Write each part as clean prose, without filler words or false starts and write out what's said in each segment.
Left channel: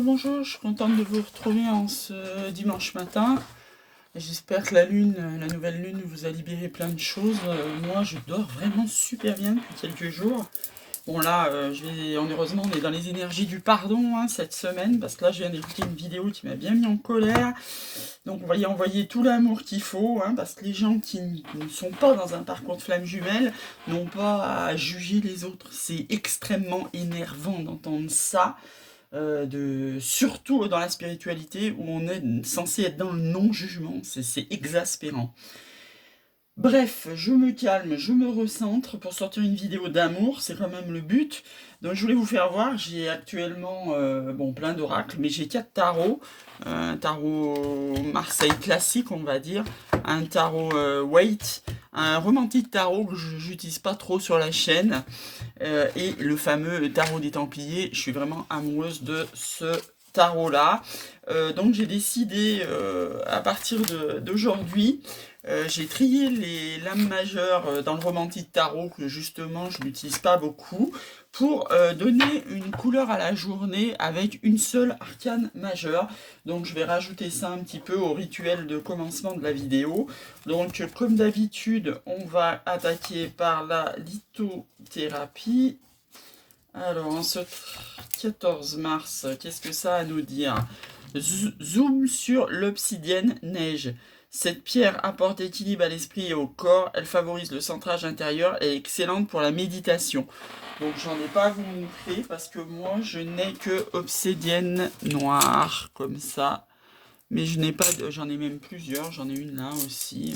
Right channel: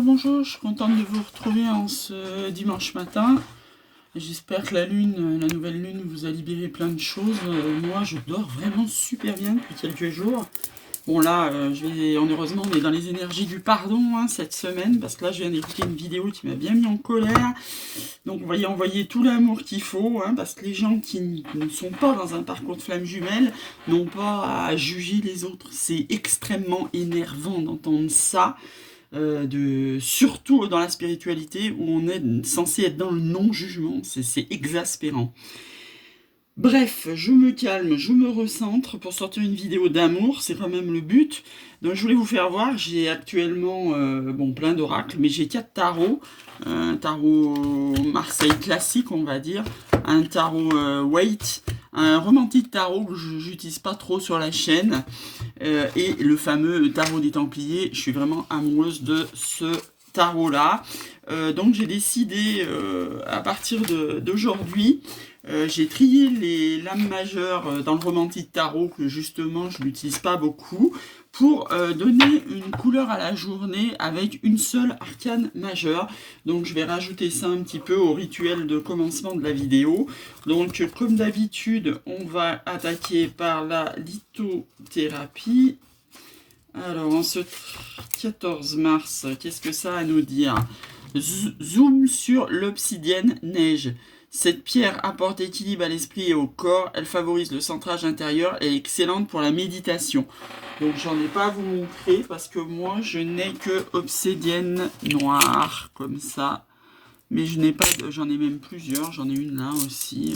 Bonjour, je suis contente de vous retrouver en ce dimanche matin. J'espère que la nouvelle lune vous a libéré plein de choses. Moi, je dors vraiment super bien depuis quelques jours. Bon là, heureusement, on est dans les énergies du pardon cette semaine, parce que là, je viens d'écouter une vidéo qui m'a bien mis en colère. Donc, on va y envoyer tout l'amour qu'il faut, parce que les gens qui ne sont pas dans un parcours de flamme jumelle n'ont pas à juger les autres. C'est extrêmement énervant d'entendre ça. Surtout dans la spiritualité où on est censé être dans le non-jugement, c'est exaspérant. Bref, je me calme, je me recentre pour sortir une vidéo d'amour, c'est quand même le but. Donc je voulais vous faire voir, j'ai actuellement plein d'oracles, mais j'ai 4 tarots. Un tarot Marseille classique, on va dire, un tarot Waite, un romantique tarot que je n'utilise pas trop sur la chaîne, et le fameux tarot des Templiers. Je suis vraiment amoureuse de ce tarot-là. Donc j'ai décidé, à partir d'aujourd'hui, j'ai trié les lames majeures dans le romantique tarot, que justement je n'utilise pas beaucoup, pour donner une couleur à la journée avec une seule arcane majeure. Donc je vais rajouter ça un petit peu au rituel de commencement de la vidéo. Donc comme d'habitude, on va attaquer par la lithothérapie. Alors en ce 14 mars, qu'est-ce que ça a à nous dire? Zoom sur l'obsidienne neige. Cette pierre apporte équilibre à l'esprit et au corps, elle favorise le centrage intérieur et est excellente pour la méditation. Donc j'en ai pas à vous montrer parce que moi je n'ai que obsidienne noire comme ça. Mais je n'ai pas de... J'en ai même plusieurs, j'en ai une là aussi.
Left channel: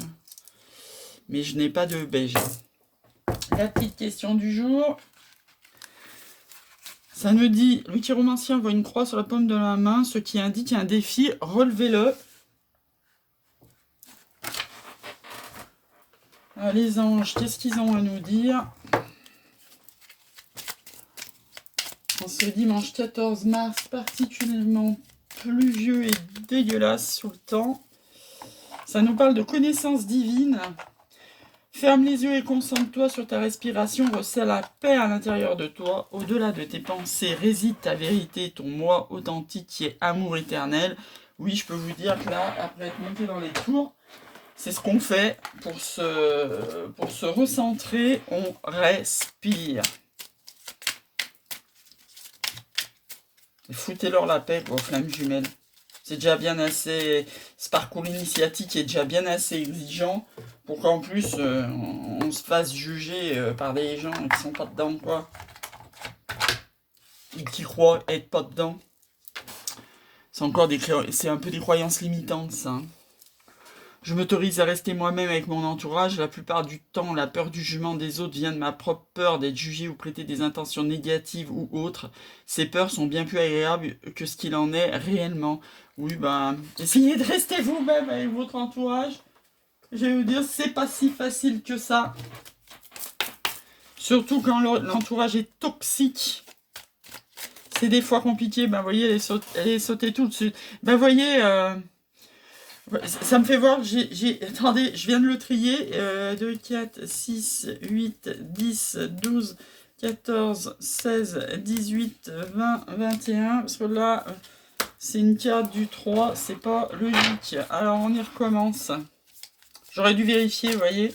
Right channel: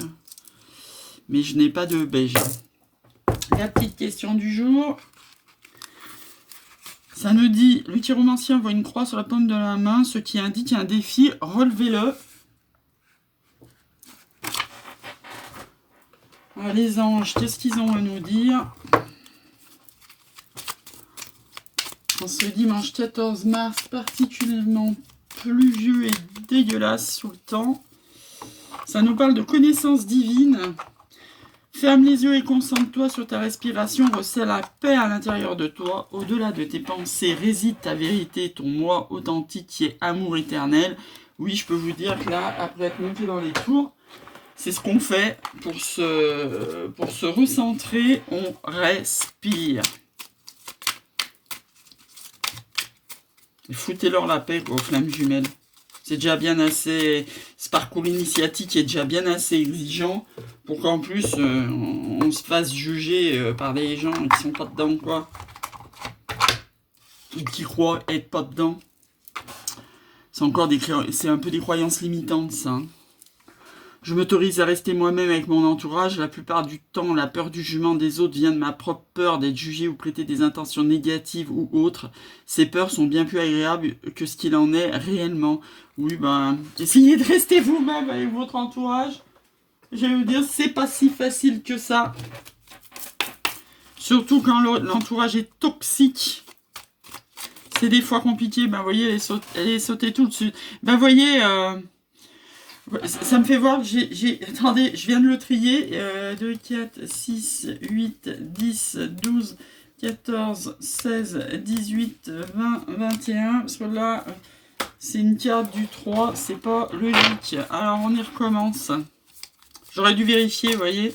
Mais je n'ai pas de beige. La petite question du jour. Ça nous dit, le chiromancien voit une croix sur la paume de la main, ce qui indique un défi, relevez-le. Ah, les anges, qu'est-ce qu'ils ont à nous dire? En ce dimanche 14 mars, particulièrement pluvieux et dégueulasse sous le temps. Ça nous parle de connaissance divine. Ferme les yeux et concentre-toi sur ta respiration, ressens la paix à l'intérieur de toi. Au-delà de tes pensées réside ta vérité, ton moi authentique qui est amour éternel. Oui, je peux vous dire que là, après être monté dans les tours, c'est ce qu'on fait pour se recentrer, on respire. Foutez-leur la paix, quoi, aux flammes jumelles. C'est déjà bien assez... Ce parcours initiatique est déjà bien assez exigeant pour qu'en plus on se fasse juger par des gens qui sont pas dedans, quoi. Qui croient être pas dedans. C'est un peu des croyances limitantes, ça. Hein. Je m'autorise à rester moi-même avec mon entourage. La plupart du temps, la peur du jugement des autres vient de ma propre peur d'être jugé ou prêter des intentions négatives ou autres. Ces peurs sont bien plus agréables que ce qu'il en est réellement. Oui, essayez de rester vous-même avec votre entourage. Je vais vous dire, c'est pas si facile que ça. Surtout quand l'entourage est toxique. C'est des fois compliqué. Vous voyez, elle est sautée tout de suite. Vous voyez... ça me fait voir que attendez, je viens de le trier. 2, 4, 6, 8, 10, 12, 14, 16, 18, 20, 21. Parce que là, c'est une carte du 3, c'est pas logique. Alors, on y recommence. J'aurais dû vérifier, vous voyez.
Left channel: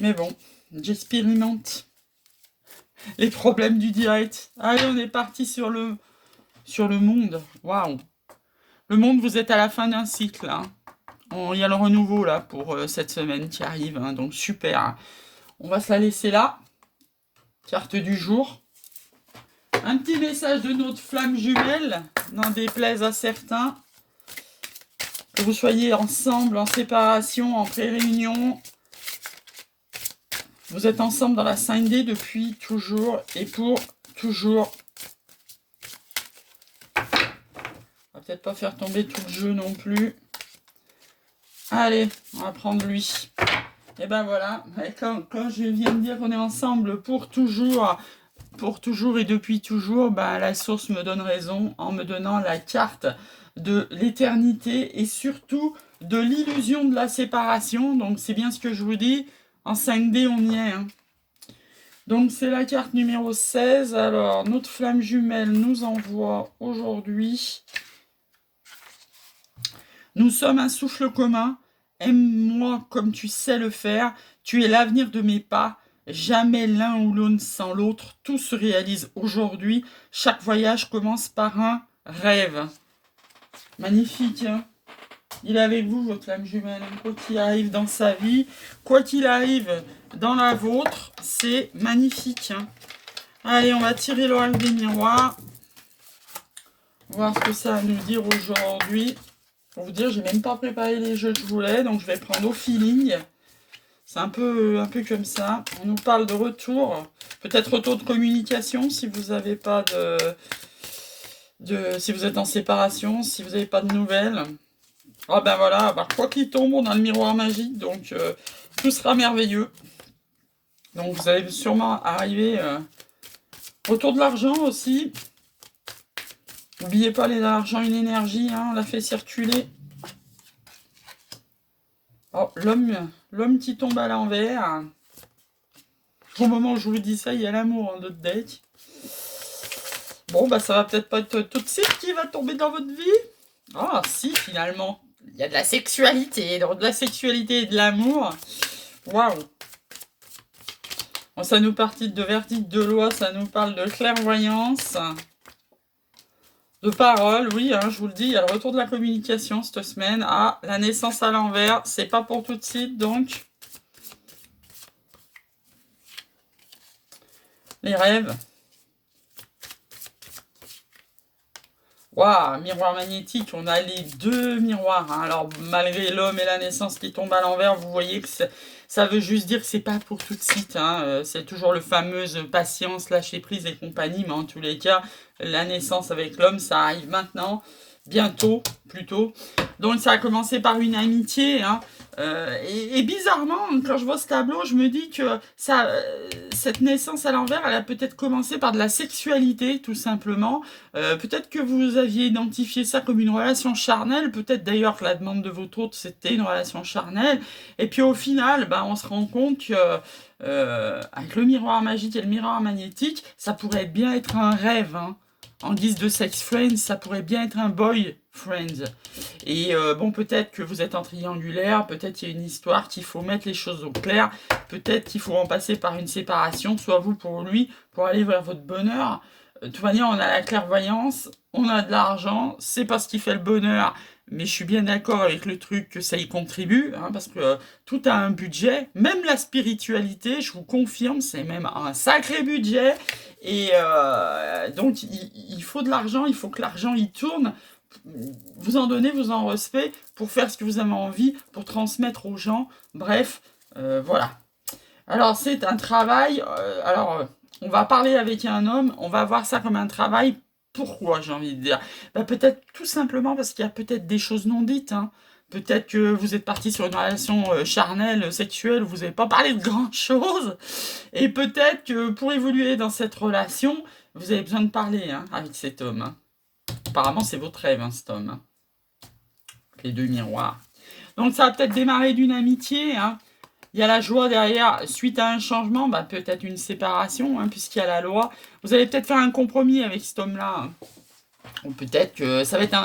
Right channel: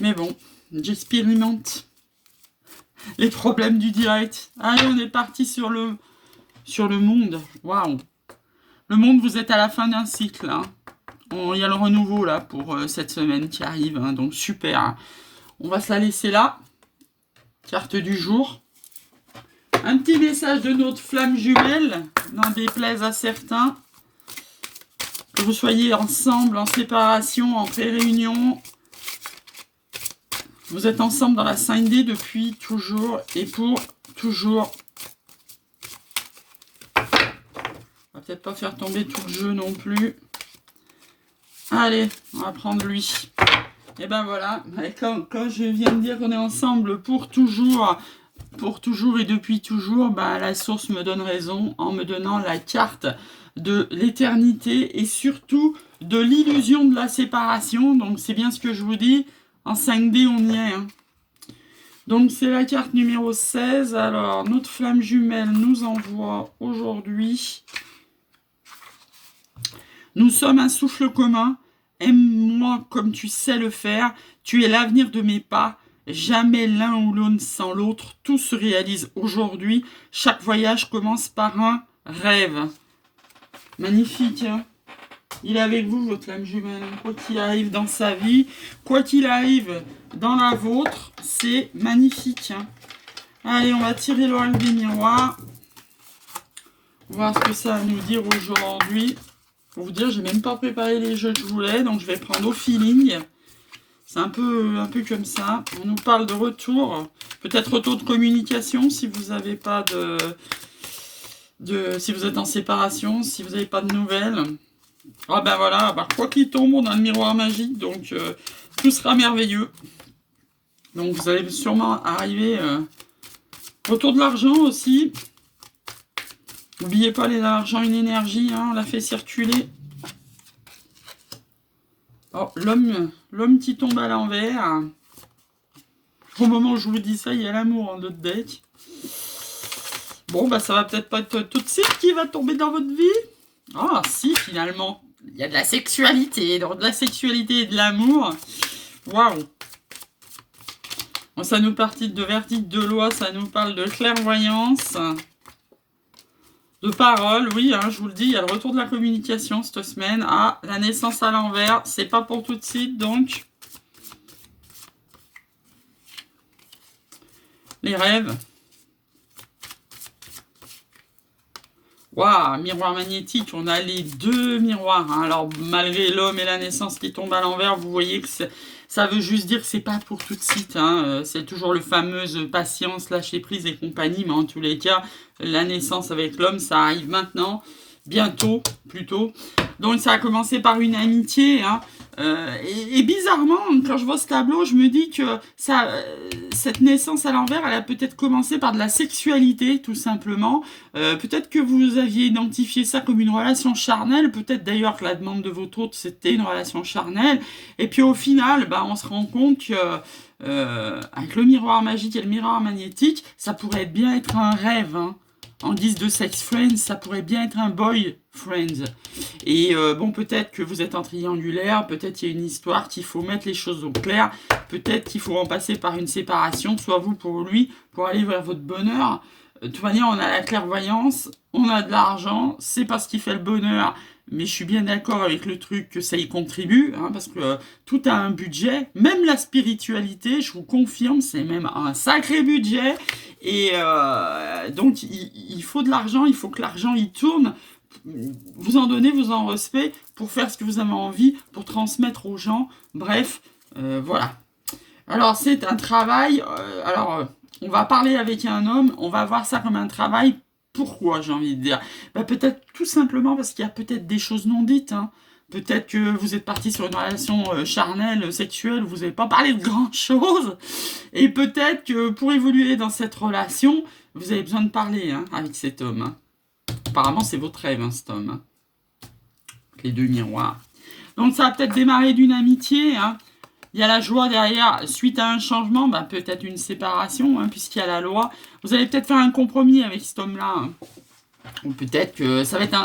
Mais bon, j'expérimente les problèmes du direct. Allez, on est parti sur le monde. Waouh! Le monde, vous êtes à la fin d'un cycle. Hein. Il y a le renouveau là pour cette semaine qui arrive. Hein, donc super. On va se la laisser là. Carte du jour. Un petit message de notre flamme jumelle. N'en déplaise à certains. Que vous soyez ensemble, en séparation, en pré-réunion. Vous êtes ensemble dans la 5D depuis toujours et pour toujours. On va peut-être pas faire tomber tout le jeu non plus. Allez, on va prendre lui. Et ben voilà, quand je viens de dire qu'on est ensemble pour toujours et depuis toujours, la source me donne raison en me donnant la carte de l'éternité et surtout de l'illusion de la séparation. Donc c'est bien ce que je vous dis, en 5D on y est. Hein. Donc, c'est la carte numéro 16. Alors, notre flamme jumelle nous envoie aujourd'hui. Nous sommes un souffle commun. Aime-moi comme tu sais le faire. Tu es l'avenir de mes pas. Jamais l'un ou l'autre sans l'autre. Tout se réalise aujourd'hui. Chaque voyage commence par un rêve. Magnifique, hein? Il est avec vous, votre flamme jumelle. Quoi qu'il arrive dans sa vie, quoi qu'il arrive dans la vôtre, c'est magnifique, hein? Allez, on va tirer l'oracle des miroirs. Voir ce que ça va nous dire aujourd'hui. Pour vous dire, j'ai même pas préparé les jeux que je voulais, donc je vais prendre au feeling. C'est un peu comme ça. On nous parle de retour, peut-être retour de communication si vous n'avez pas si vous êtes en séparation, si vous n'avez pas de nouvelles. Ah ben voilà, bah, quoi qu'il tombe, on a le miroir magique, donc tout sera merveilleux. Donc vous allez sûrement arriver. Retour de l'argent aussi. N'oubliez pas, l'argent, une énergie, hein, on l'a fait circuler. Oh, l'homme qui tombe à l'envers. Au moment où je vous dis ça, il y a l'amour dans notre deck. Bon, bah ça va peut-être pas être tout de suite qui va tomber dans votre vie. Ah, si, finalement. Il y a de la sexualité. Donc, de la sexualité et de l'amour. Waouh. Bon, ça nous partit de verdict de loi, ça nous parle de clairvoyance. De parole, oui, hein, je vous le dis, il y a le retour de la communication cette semaine. Ah, la naissance à l'envers, c'est pas pour tout de suite, donc. Les rêves. Waouh, miroir magnétique, on a les deux miroirs. Hein. Alors, malgré l'homme et la naissance qui tombent à l'envers, vous voyez que ça veut juste dire que c'est pas pour tout de suite. Hein. C'est toujours le fameuse patience, lâcher prise et compagnie. Mais en tous les cas, la naissance avec l'homme, ça arrive maintenant, bientôt, plutôt. Donc, ça a commencé par une amitié. Hein. Et bizarrement, quand je vois ce tableau, je me dis que cette naissance à l'envers, elle a peut-être commencé par de la sexualité, tout simplement. Peut-être que vous aviez identifié ça comme une relation charnelle, peut-être d'ailleurs que la demande de votre hôte, c'était une relation charnelle. Et puis au final, bah, on se rend compte que avec le miroir magique et le miroir magnétique, ça pourrait bien être un rêve, hein. En guise de sex friends, ça pourrait bien être un boy friends. Et bon, peut-être que vous êtes en triangulaire, peut-être qu'il y a une histoire qu'il faut mettre les choses au clair, peut-être qu'il faut en passer par une séparation, soit vous pour lui, pour aller vers votre bonheur. De toute manière, on a la clairvoyance, on a de l'argent, c'est pas ce qui fait le bonheur. Mais je suis bien d'accord avec le truc que ça y contribue, hein, parce que tout a un budget, même la spiritualité, je vous confirme, c'est même un sacré budget. Et donc, il faut de l'argent, il faut que l'argent y tourne. Vous en donnez, vous en recevez pour faire ce que vous avez envie, pour transmettre aux gens. Bref, voilà. Alors, c'est un travail. On va parler avec un homme, on va voir ça comme un travail. Pourquoi, j'ai envie de dire? Bah, peut-être tout simplement parce qu'il y a peut-être des choses non dites. Hein. Peut-être que vous êtes parti sur une relation charnelle, sexuelle, où vous n'avez pas parlé de grand-chose. Et peut-être que pour évoluer dans cette relation, vous avez besoin de parler, hein, avec cet homme. Hein. Apparemment, c'est votre rêve, hein, cet homme. Hein. Les deux miroirs. Donc, ça a peut-être démarré d'une amitié. Hein. Il y a la joie derrière. Suite à un changement, bah, peut-être une séparation, hein, puisqu'il y a la loi. Vous allez peut-être faire un compromis avec cet homme-là. Hein. Ou peut-être que ça va être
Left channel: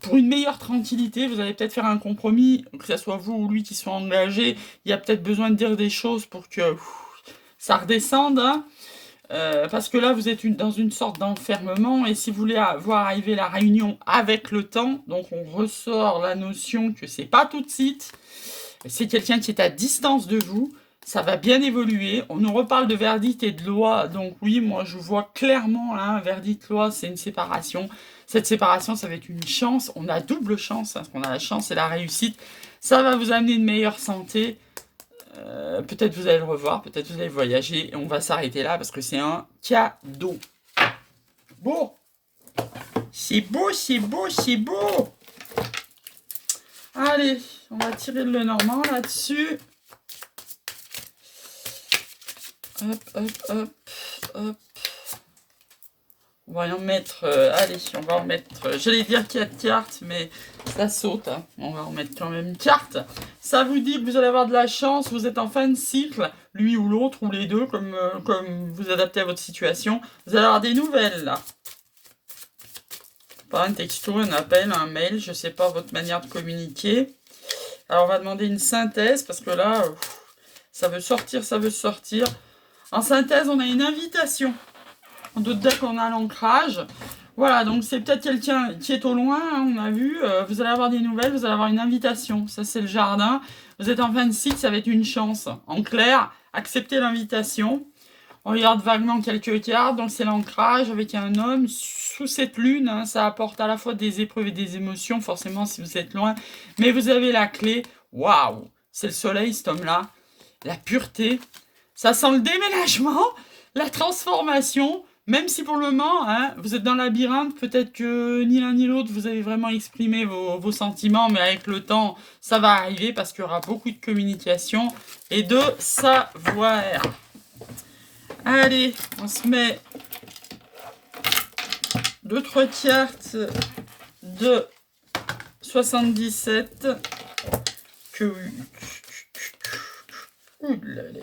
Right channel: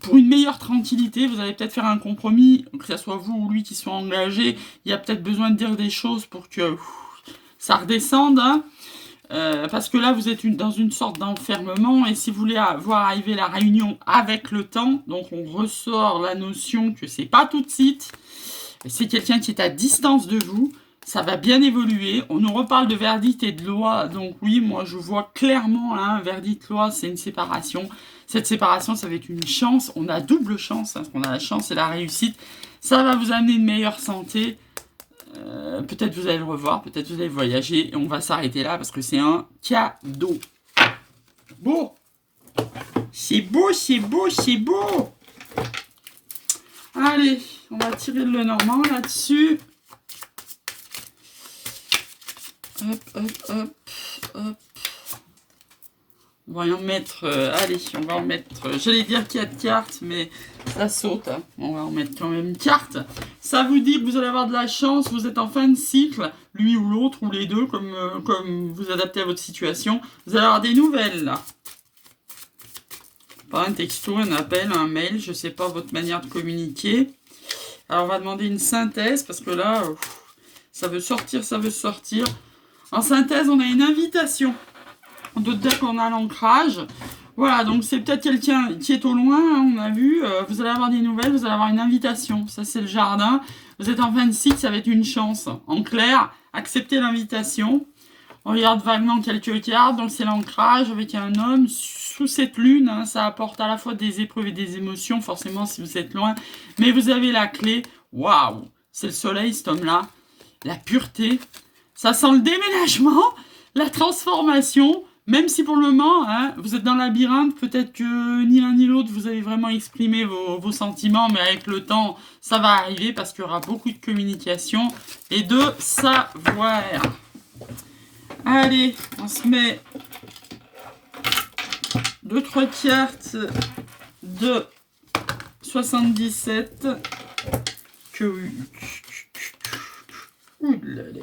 pour une meilleure tranquillité, vous allez peut-être faire un compromis, que ce soit vous ou lui qui soit engagé. Il y a peut-être besoin de dire des choses pour que ça redescende. Hein. Parce que là, vous êtes dans une sorte d'enfermement. Et si vous voulez voir arriver la réunion avec le temps, donc on ressort la notion que c'est pas tout de suite. C'est quelqu'un qui est à distance de vous. Ça va bien évoluer. On nous reparle de verdict et de loi. Donc oui, moi je vois clairement, là, un verdict loi, c'est une séparation. Cette séparation, ça va être une chance. On a double chance, hein, parce qu'on a la chance et la réussite. Ça va vous amener une meilleure santé. Peut-être vous allez le revoir, peut-être vous allez voyager. Et on va s'arrêter là parce que c'est un cadeau. Beau. C'est beau, c'est beau, c'est beau. Allez, on va tirer le Normand là-dessus. Hop, hop, hop, hop. On va en mettre, allez, on va en mettre, j'allais dire 4 cartes, mais ça saute, hein. On va en mettre quand même une carte. Ça vous dit que vous allez avoir de la chance, vous êtes en fin de cycle, lui ou l'autre, ou les deux, comme vous adaptez à votre situation. Vous allez avoir des nouvelles, là. Pas un texto, un appel, un mail, je sais pas votre manière de communiquer. Alors, on va demander une synthèse, parce que là, ça veut sortir, ça veut sortir. En synthèse, on a une invitation. On doute bien qu'on a l'ancrage. Voilà, donc c'est peut-être quelqu'un qui est au loin, hein, on a vu. Vous allez avoir des nouvelles, vous allez avoir une invitation. Ça, c'est le jardin. Vous êtes en fin de cycle, ça va être une chance. En clair, acceptez l'invitation. On regarde vaguement quelques cartes, donc c'est l'ancrage avec un homme sous cette lune. Hein, ça apporte à la fois des épreuves et des émotions, forcément, si vous êtes loin. Mais vous avez la clé. Waouh! C'est le soleil, cet homme-là. La pureté. Ça sent le déménagement, la transformation. Même si pour le moment, hein, vous êtes dans le labyrinthe, peut-être que ni l'un ni l'autre, vous avez vraiment exprimé vos sentiments, mais avec le temps, ça va arriver parce qu'il y aura beaucoup de communication et de savoir. Allez, on se met 2-3 cartes de 77. Ouh là là.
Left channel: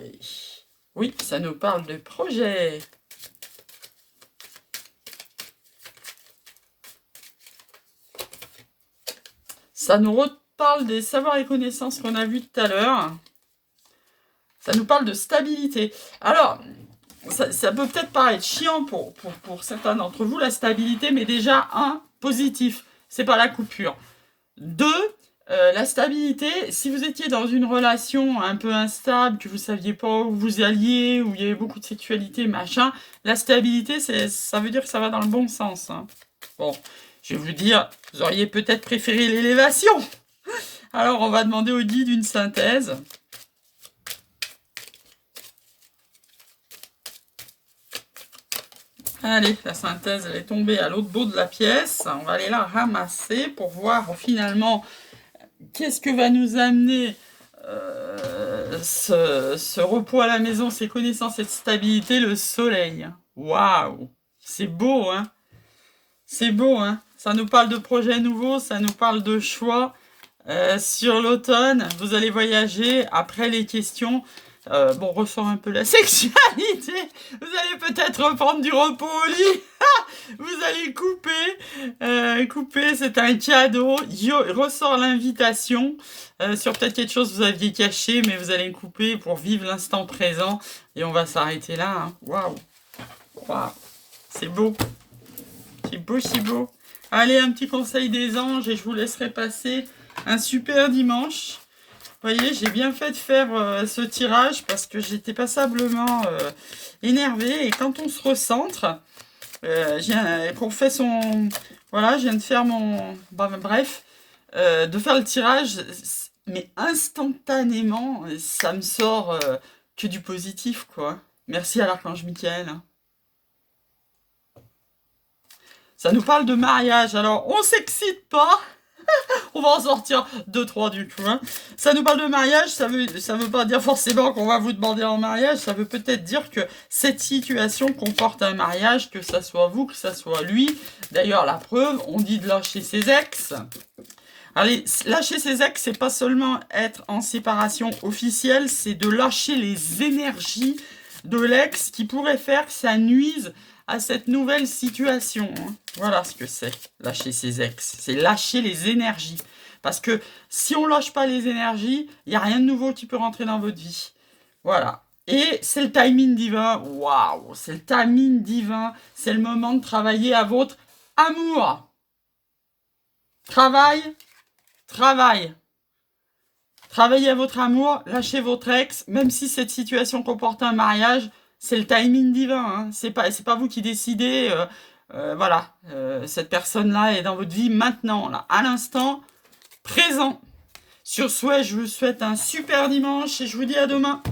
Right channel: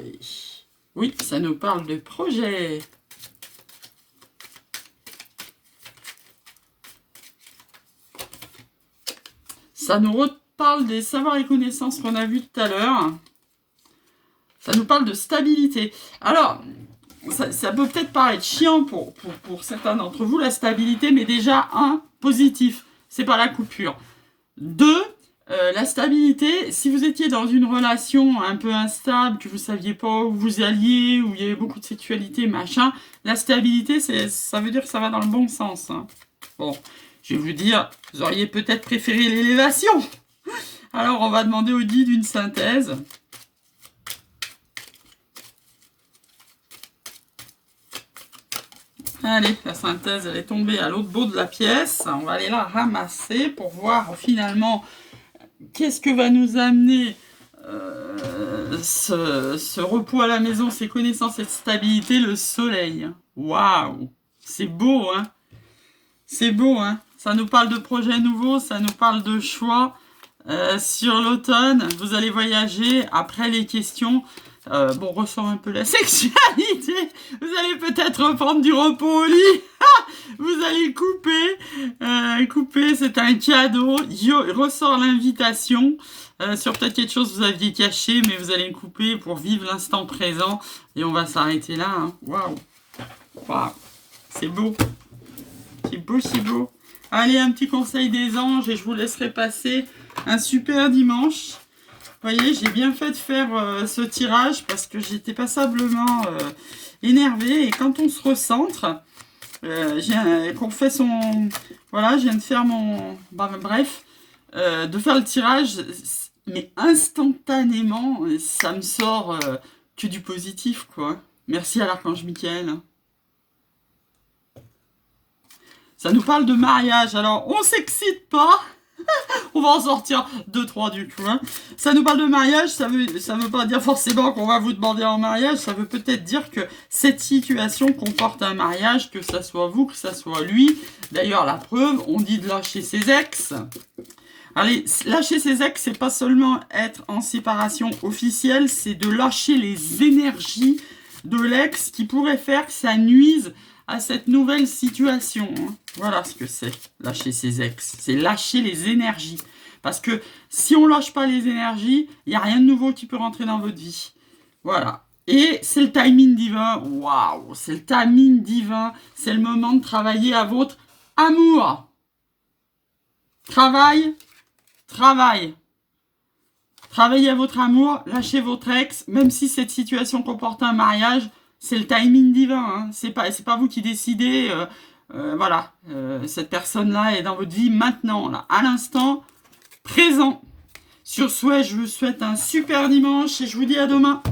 Oui, ça nous parle de projet. Ça nous reparle des savoirs et connaissances qu'on a vus tout à l'heure. Ça nous parle de stabilité. Alors, ça peut peut-être paraître chiant pour certains d'entre vous, la stabilité, mais déjà, un, positif, c'est pas la coupure. Deux, la stabilité, si vous étiez dans une relation un peu instable, que vous saviez pas où vous alliez, où il y avait beaucoup de sexualité, machin, la stabilité, ça veut dire que ça va dans le bon sens. Hein. Bon, je vais vous dire, vous auriez peut-être préféré l'élévation. Alors, on va demander au guide une synthèse. Allez, la synthèse, elle est tombée à l'autre bout de la pièce. On va aller la ramasser pour voir finalement qu'est-ce que va nous amener ce repos à la maison, ces connaissances, cette stabilité, le soleil. Waouh! C'est beau, hein? C'est beau, hein? Ça nous parle de projets nouveaux, ça nous parle de choix. Sur l'automne, vous allez voyager après les questions. Bon, ressort un peu la sexualité. Vous allez peut-être reprendre du repos au lit. Vous allez couper. Couper, c'est un cadeau. Ressort l'invitation sur peut-être quelque chose que vous aviez caché, mais vous allez couper pour vivre l'instant présent. Et on va s'arrêter là. Hein. Waouh. Waouh. C'est beau. C'est beau, c'est beau. Allez, un petit conseil des anges et je vous laisserai passer un super dimanche. Vous voyez, j'ai bien fait de faire ce tirage parce que j'étais passablement énervée. Et quand on se recentre, qu'on fait son... Voilà, je viens de faire mon... bref, de faire le tirage, mais instantanément, ça me sort que du positif, quoi. Merci à l'archange Michael. Hein. Ça nous parle de mariage. Alors, on s'excite pas. On va en sortir 2-3 du coup. Hein. Ça nous parle de mariage, ça veut pas dire forcément qu'on va vous demander en mariage, ça veut peut-être dire que cette situation comporte un mariage, que ça soit vous, que ça soit lui. D'ailleurs, la preuve, on dit de lâcher ses ex. Allez, lâcher ses ex, c'est pas seulement être en séparation officielle, c'est de lâcher les énergies de l'ex qui pourraient faire que ça nuise à cette nouvelle situation. Hein. Voilà ce que c'est, lâcher ses ex. C'est lâcher les énergies. Parce que si on lâche pas les énergies, il n'y a rien de nouveau qui peut rentrer dans votre vie. Voilà. Et c'est le timing divin. Waouh, c'est le timing divin. C'est le moment de travailler à votre amour. Travail. Travaillez à votre amour, lâchez votre ex, même si cette situation comporte un mariage. C'est le timing divin, hein. C'est pas vous qui décidez, voilà, cette personne-là est dans votre vie maintenant, là, à l'instant présent. Sur ce, je vous souhaite un super dimanche et je vous dis à demain.